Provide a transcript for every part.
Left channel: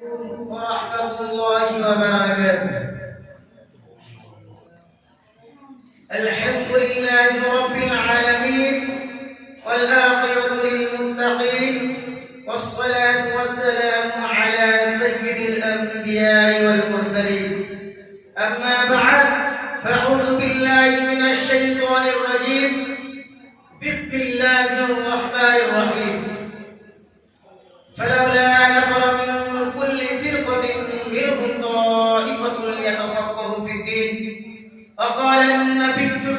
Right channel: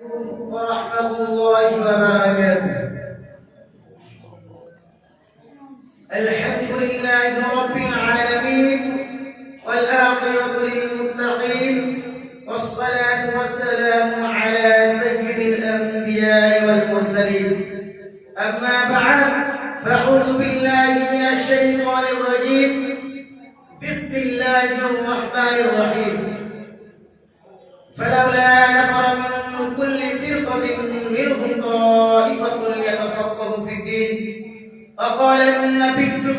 ورحمة الله وبركاته. الحمد لله رب العالمين والعاقبة للمتقين والصلاة والسلام على سيد الأنبياء والمرسلين. أما بعد فأعوذ بالله من الشيطان الرجيم.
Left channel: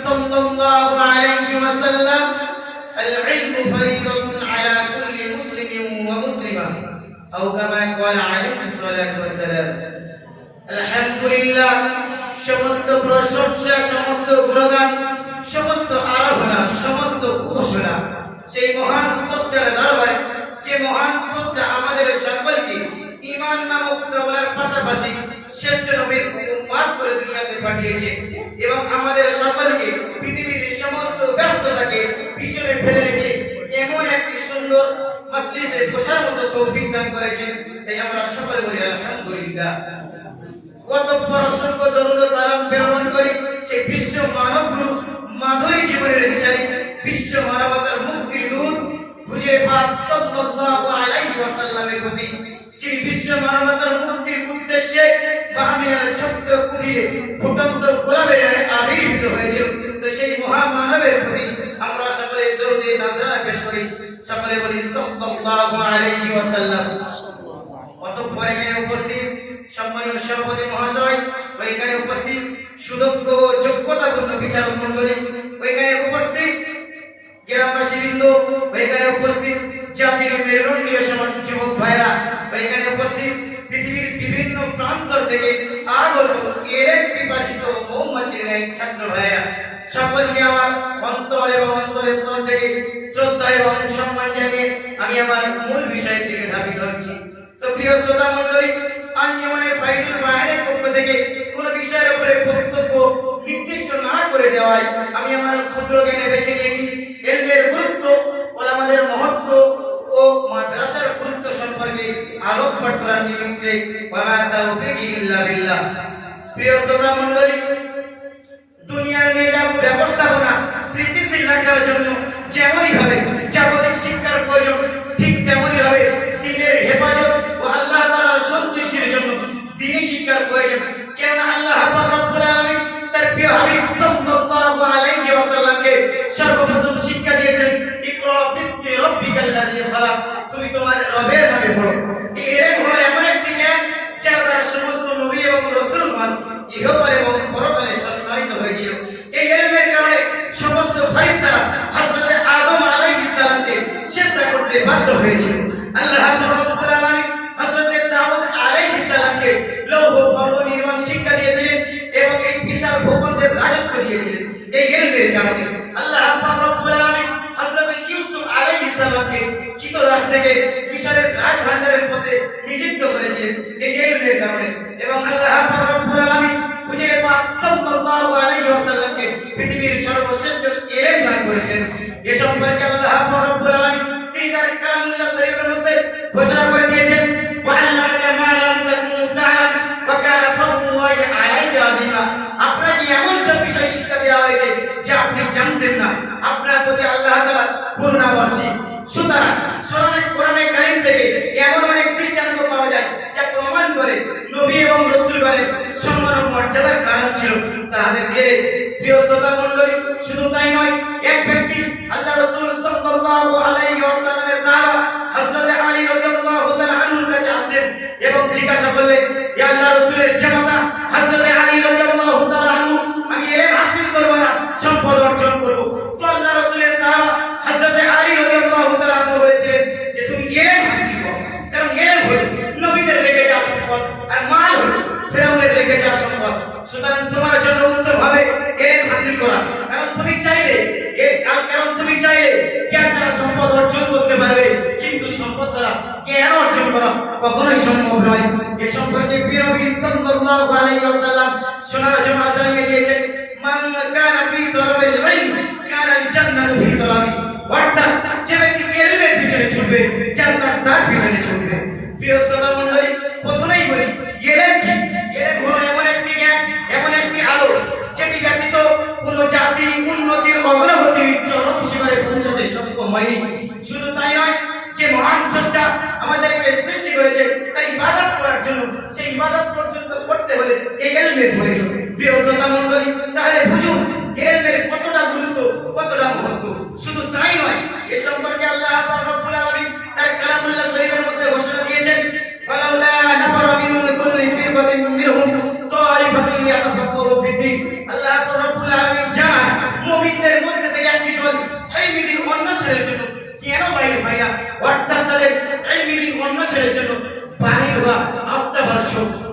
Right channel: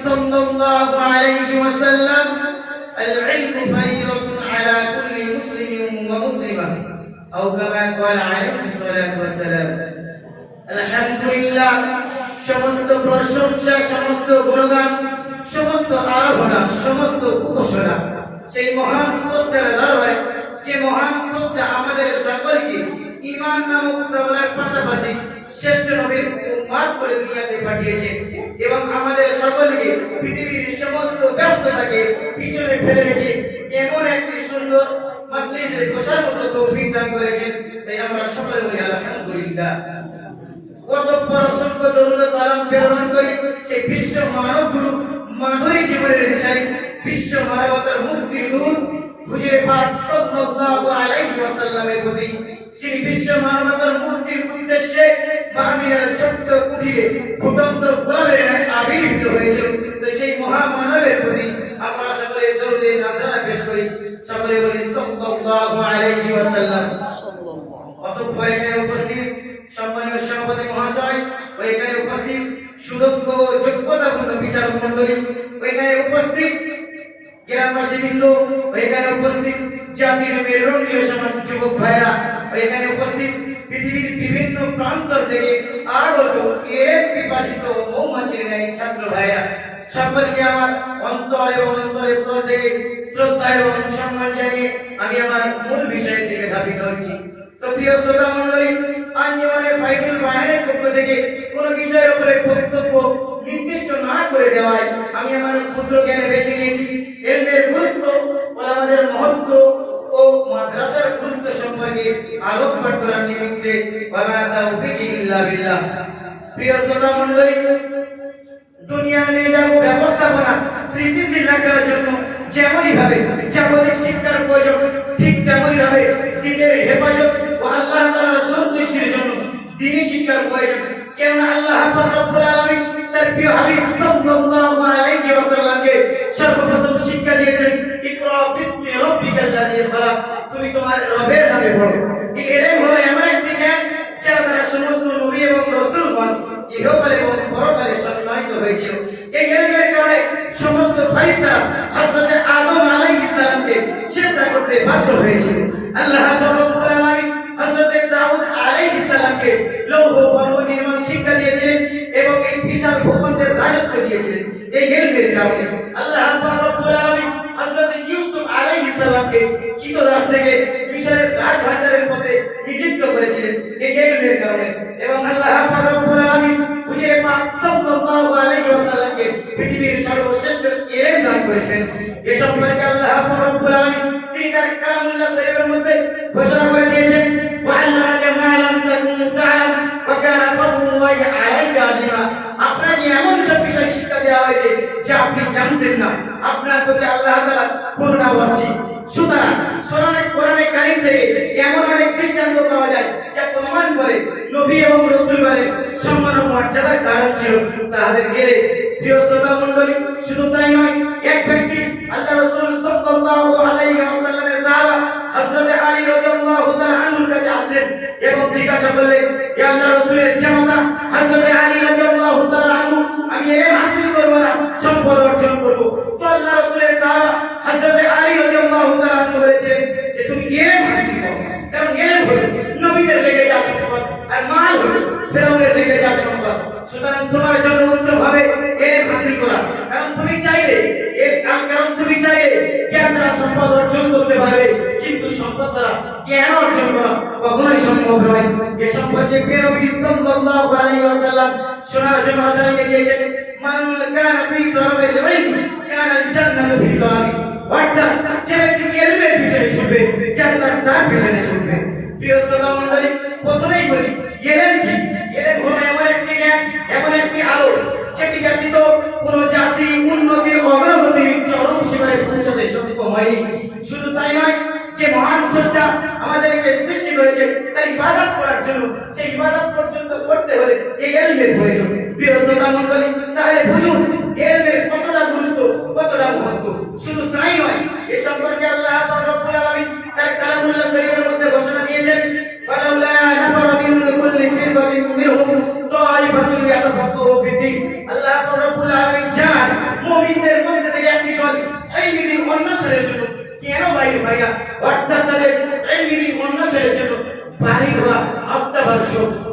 صلى الله عليه وسلم العلم فريضة على كل مسلم ومسلمة أو كما قال عليه الصلاة والسلام الحمد لله সমস্ত প্রশংসা সমস্ত গুণগান সমস্ত আরাধনা সমস্ত উপাসনা সেই মহান স্রষ্টার দরবারে যে মহান স্রষ্টা আমাদের সকলকে ঈমান নামক দৌলার পাশাপাশি শ্রেষ্ঠ নবীর উম্মাদ করে দুনিয়াতে পাঠিয়েছে এবং আমাদের সকলকে পৃথিবীর সমস্ত ব্যস্ততাকে পিছনে ফেলে রেখে এমন একটি সুন্দর মজলিসে বসার মতো তৌফিক দান করেছেন। তাই আমরা সকলে বলি, আলহামদুলিল্লাহ। অতঃপর অসংখ্য দরুদ সালাম প্রেরণ করি সেই বিশ্ব মানব গুরু জীবনে রেখে রেখেছাই বিশ্ব মানবতার মুক্তির নূর খুঁজে পাক সাল্লাল্লাহু আলাইহি ওয়াসাল্লামের প্রতি। যিনি বিশ্ব মানবতার মুক্তির উদ্দেশ্যে বামিয়ার ছোট্ট কুঠিরে ফুটন্ত গোলাপের ন্যায় আবির্ভূত হয়েছিল তো সেই মহামানবের প্রতি আমরা সকলে দরুদে নাজরানা পেশ করি। সকলে বলি, সাল্লাল্লাহু আলাইহি ওয়াসাল্লাম। অতঃপর আমার অন্তর এবং অন্তরের শ্রদ্ধা এবং আমি আমার মূল বিষয়ের দিকে ধাবিত হচ্ছি। তো প্রিয় শ্রোতা মন্ডলী আঞ্জমানের ফাইনাল বাহিনীর পক্ষ থেকে কোন বিষয়ের উপরে বক্তব্য নির্দিষ্ট না করে দেওয়ায় আমি আমার ক্ষুদ্র জ্ঞানে বেছে নিয়েছি এলমের গুরুত্ব ওলামাদের মহত্ব ইহকালে এবং পরকালে সম্মানিত হয়েছিল এই এলমের কারণে সমস্ত ফেরেশতারা হযরত আদম আলাইহিস সালামকে সিজদা করতে বাধ্য হয়েছিল আল্লাহ হযরত দাউদ আলাইহিস সালামকে লৌহ কর্ম নির্মাণ শিক্ষা দিয়েছিলেন এবং এই বিশাল ভূখণ্ডের রাজত্ব দিয়েছিলেন। এই এলমের কারণে আল্লাহ হযরত ইউসুফ আলাইহিস সালামকে চিতদাস থেকে তাদের গেলে প্রিয় শ্রোতা মন্ডলী শুধু তাই নয় নয় এ সম্পর্কে প্রিয় নবী সাল্লাল্লাহু আলাইহি ওয়াসাল্লাম জন্য আল্লাহ দিয়েছেন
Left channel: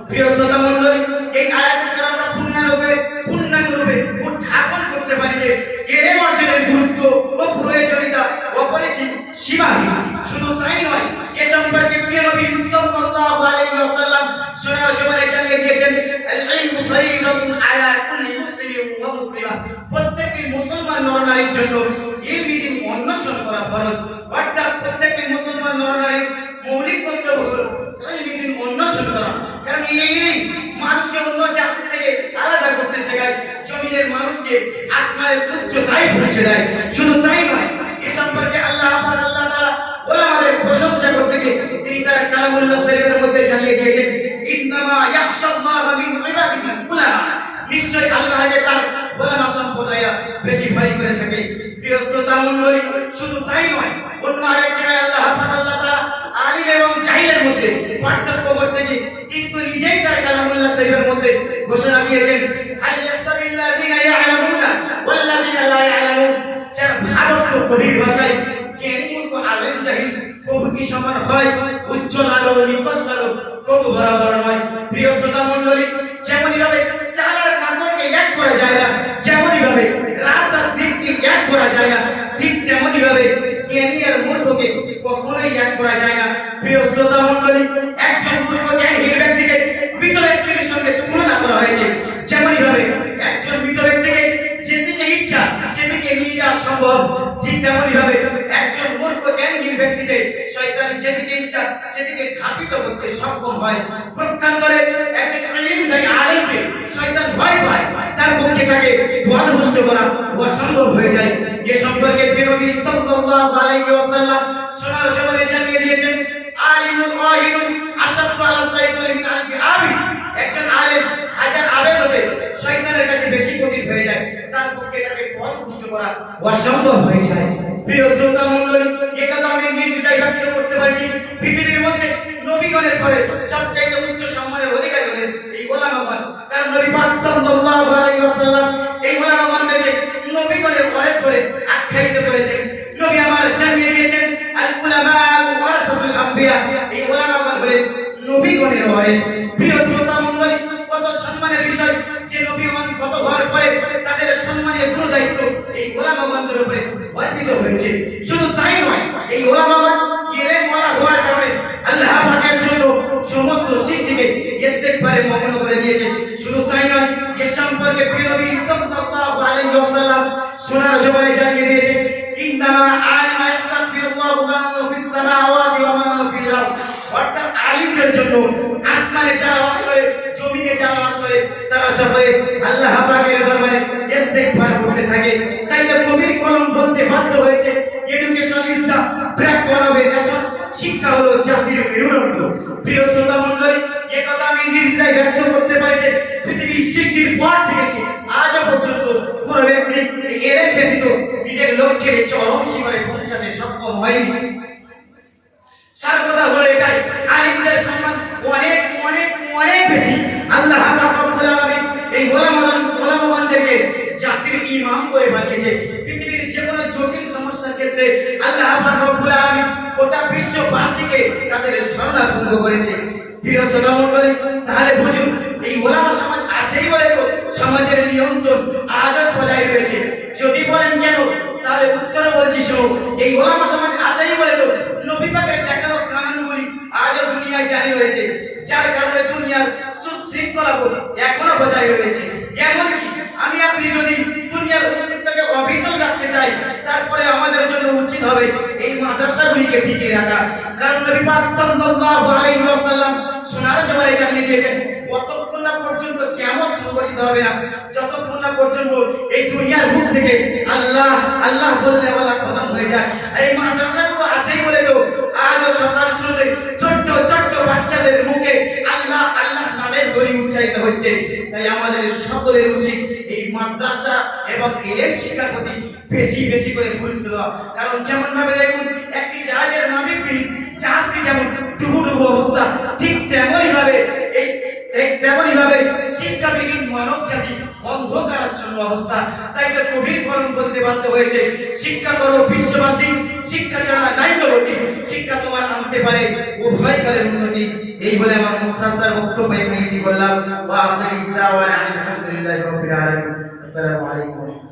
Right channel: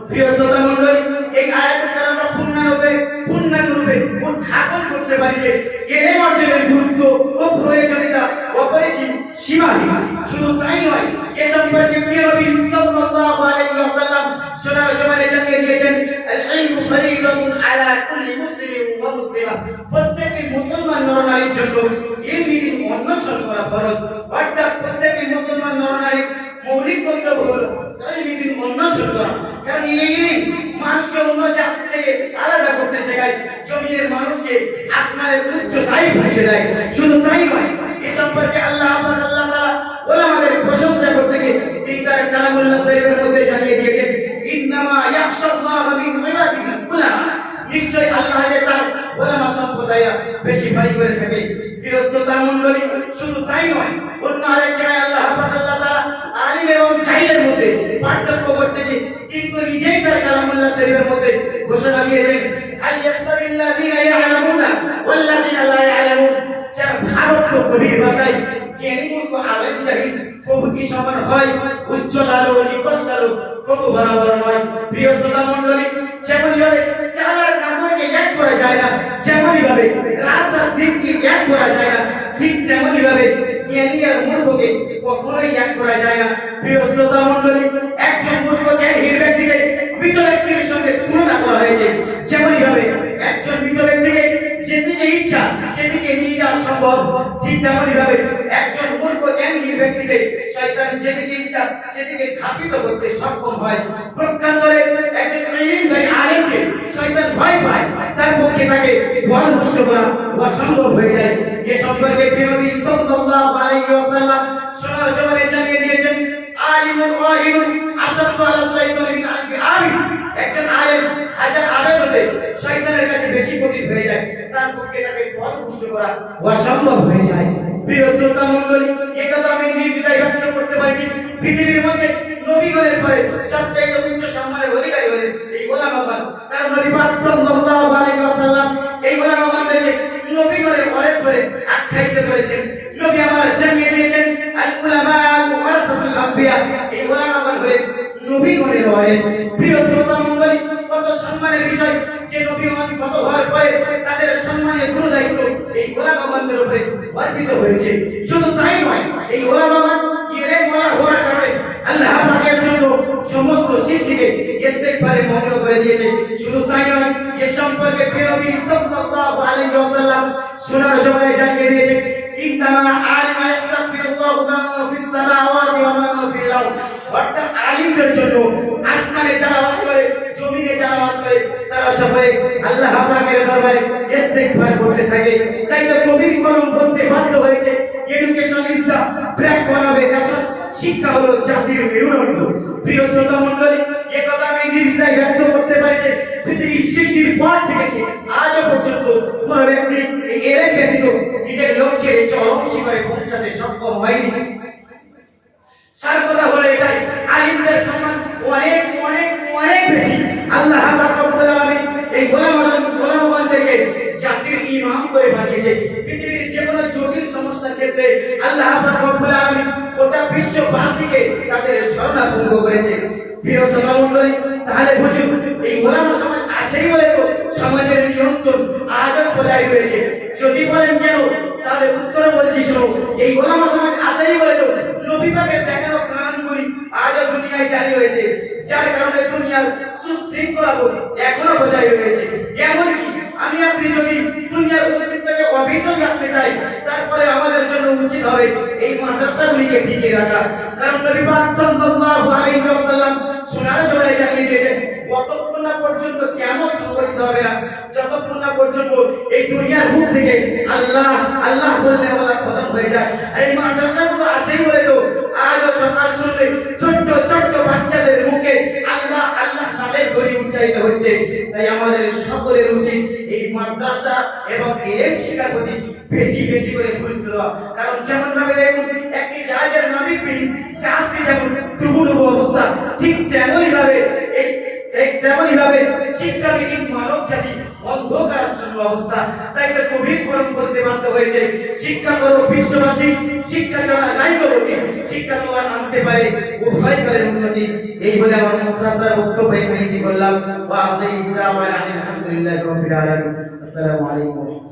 প্রিয় শ্রোতা মণ্ডলী, এই আয়াতের দ্বারা আমরা পূর্ণাঙ্গরূপে পূর্ণাঙ্গরূপে উত্থাপন করতে পারি যে এলেম অর্জনের গুরুত্ব ও প্রয়োজনীয়তা অপরিসীম প্রত্যেকটি মুসলমান নরনারীর জন্য এই বিধি অন্বেষণ করা ফরজ অর্থাৎ প্রত্যেকটি মুসলমান নরনারীর মৌলিক কর্তব্য হলো এই বিধি অন্বেষণ করা মানুষকে অন্য জাতি থেকে আলাদা করতে শেখায়। জমিনের মানুষকে আসমানের উচ্চতায় পৌঁছে দেয়। শুধু তাই নয়, এ সম্পর্কে আল্লাহ আমার আল্লাহ তাআলা ওলামাদের প্রশংসা করতে গিয়ে তিনি তার কালামুল্লাহ শরীফের মধ্যে জানিয়ে দিয়েছেন, ইন্নামা ইয়াখশাল্লাহ মিন শরীফের মধ্যে ঘোষণা দিয়েছেন যেমনই ভাবে চাল আর এক করা যায় না যেমনই ভাবে রাত আর দিনকে এক করা যায় না, ঠিক তেমনই ভাবে জ্ঞানী আর মূর্খকে কখনোই এক করা যায় না। প্রিয় শ্রোতা মণ্ডলী সেদিকে ধাপিত করতে সক্ষম হয়। প্রকান্তরে একজন ইলমদারি আলেমকে শয়তান ভয় পায়। তার পক্ষে তাকে বলভস্ত করা অসম্ভব হয়ে যায়। এ সম্পর্কে নবী সাল্লাল্লাহু আলাইহি ওয়াসাল্লাম সোনার জমানে জানিয়ে দিয়েছেন, আলিমুল গায়িবুন আসাদু আলা শাইতানি আলফি আবিদ একজন আলেম হাজার আবেদ হতে শয়তানের কাছে বেশি কঠিন হয়ে যায়। তার পক্ষে তাকে পথভ্রষ্ট করা অসম্ভব হয়ে যায়। প্রিয় শ্রোতা মণ্ডলী এটা তো আমি নির্দ্বিধায় ব্যক্ত করতে পারি পৃথিবীর মধ্যে নবীগণের পরে সবচাইতে উচ্চ সম্মানের অধিকারী হলেন এই গোলাম আহ্বান কারণ নবী পাক সাল্লাল্লাহু আলাইহি ওয়াসাল্লাম এই গোলাম গোলামাবাদকে নবীগণের পরে পরে আখ্যায়িত করেছেন, নবী আমার জানিয়ে দিয়েছেন আল উলামা ওয়ারাসাতুল আম্বিয়া। দিয়েছে শুধু তাই নয়, এ সম্পর্কে প্রিয় নবী সাল্লাল্লাহু আলাইহি ওয়াসাল্লাম সোনার জবানে জানিয়ে দিয়েছে, ইন্নামা আলিমা ইস্তাগফিরুল্লাহু মা ফিস সামাওয়াতি ওয়া মা ফিল আরদ। আলিমদের জন্য আসমানে যারা বাস করে, জমিনে যারা বাস করে, তারা সবাই আল্লাহ পাকের দরবারে ইস্তেগফার করতে থাকে। সার কথা হলো এটাই। আলিমদের সম্মান অনেক অনেক অনেক বেশি। আল্লাহ রব্বুল আলামিন এই গোলাম, গোলামগণদেরকে জাতির ইমাম করে বানিয়েছে পৃথিবীর যে কোনো জটিল সমস্যার ক্ষেত্রে আল্লাহ রব্বুল আলামিন গোটা বিশ্ববাসীকে তাদের শরণাপন্ন করেছে। প্রিয় শ্রোতামণ্ডলী, তাহলে বুঝুন, এই গোলাম সমাজ আছেই বলে সমাজের নিয়ন্ত্রণ আজও বজায় রয়েছে। যদি বলেন কেন, তাহলে উত্তর বলছি শোনো এই গোলাম সমাজ আছেই বলে নবী পাকের দেখানো কানুনগুলি আজও দুনিয়ায় জারি রয়েছে যার কারণে দুনিয়ার সুশৃঙ্খলা বোধ এখনও বজায় রয়েছে এমনকি আমি আপনি যদি দুনিয়ার অস্তিত্বকে অবিচল রাখতে চাই। তারপরে আমাদের জন্য উচিত হবে এই মাদ্রাসাগুলিকে টিকিয়ে রাখা। কারণ নবী পাক সাল্লাল্লাহু আলাইহি ওয়াসাল্লাম সোনার জবানে জানিয়ে দিয়েছেন কতক্ষণ না পর্যন্ত কিয়ামত সংঘটিত হবে না, যতক্ষণ না পর্যন্ত এই দুনিয়ার মুখ থেকে আল্লাহ আল্লাহ বললে আল্লাহ খতম হয়ে যায়। আর এই শিক্ষাবিহীন মানব জাতি অন্ধকারাচ্ছন্ন অবস্থা। তাই তো কবির কলম বলতে বাধ্য হয়েছে। শিক্ষা করো বিশ্ববাসী, শিক্ষা ছাড়া নাই তো গতি শিক্ষা তোমার আনতে পারে, উভয় করে উন্নতি। এই বলে আমার মুসাসার বক্তব্য ইতি করলাম। আসসালামু আলাইকুম।